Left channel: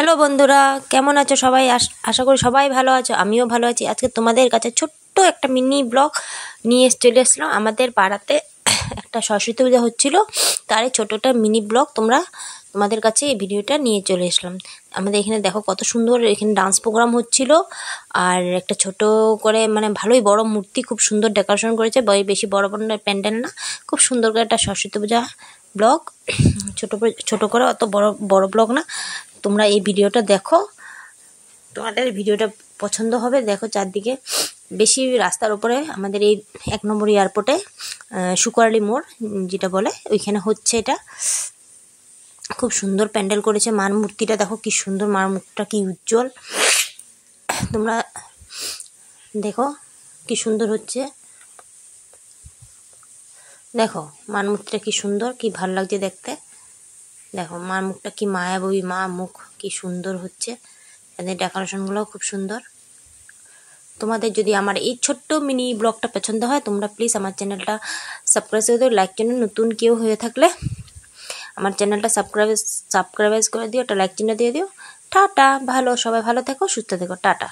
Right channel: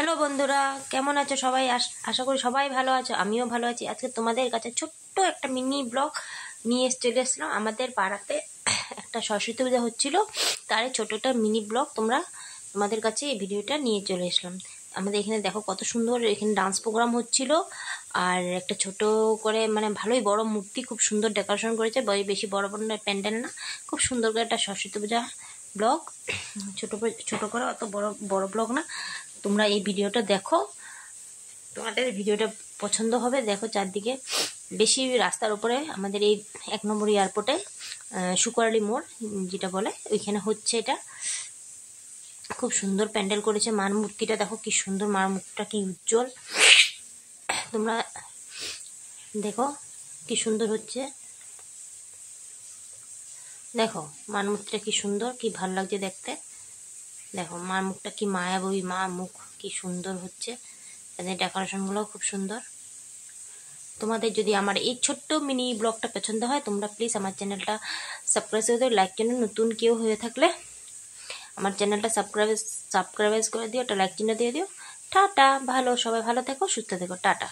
Hello বন্ধুরা, কেমন আছো সবাই? আশা করি সবাই ভালো আছো, আমিও ভালো আছি। আজকে তোমাদের কাছে ছোট্ট একটা মিনি ব্লগ নিয়ে চলে এসলাম। আমাদের পাড়াতে একটা সরস্বতী পূজা হচ্ছিল, তারই ছোটো একটা মিনি ব্লগ তোমাদের কাছে এই ভিডিওটা নিয়ে চলে আসলাম। আমাদের এখানে দেখো কত সুন্দর এখানে ডান্স প্রোগ্রাম হচ্ছিল, আর একটা ছোট করে মানে ভালোই বড় মূর্তি, খুব সুন্দর ডেকোরেশন করেছে। বেশি বড় বড় প্যান্ডেল না, খুব সুন্দর করে একটা সরস্বতী পূজা ব্লগ। ছোট করে, অত বড় ব্লগ না। তোমরা এই ভিডিওটা দেখো, তোমাদের ভিডিওটা পছন্দ হবে। দেখো চারদিকে বেশি রাস্তার উপরে আমাদের এই 1 নম্বর এয়ারপোর্টে শুকুরালি মোড় যেটা বলে, ওইখানে হচ্ছে এটা। খুব সুন্দর প্যান্ডেল করেছে। মার মূর্তিটা দেখো কি সুন্দর, মার মুখটা কি উজ্জ্বল। তোমরা দেখো কি সুন্দর হচ্ছে। দেখো মার মুখটা কি সুন্দর, কি ভাল লাগছে দেখতে। দেখো মার মুখটা কি মায়াবী, মা মুখ কি সুন্দর হচ্ছে। এদের ডেকোরেশনগুলোও খুব সুন্দর। তোমাদের যদি আমার এই ছোট্ট মিনি ব্লগটা পছন্দ হয়, তোমরা প্লিজ আমার চ্যানেলটা সাবস্ক্রাইব করে দিও। লাইক চিহ্ন নতুন কেউ হয়ে থাকলে আমার চ্যানেলটা সাবস্ক্রাইব করে দিও, একটা লাইক চিহ্ন দিয়ে দিও। টাটা, সবাই ভালো থেকো, সুস্থ থেকো, টাটা।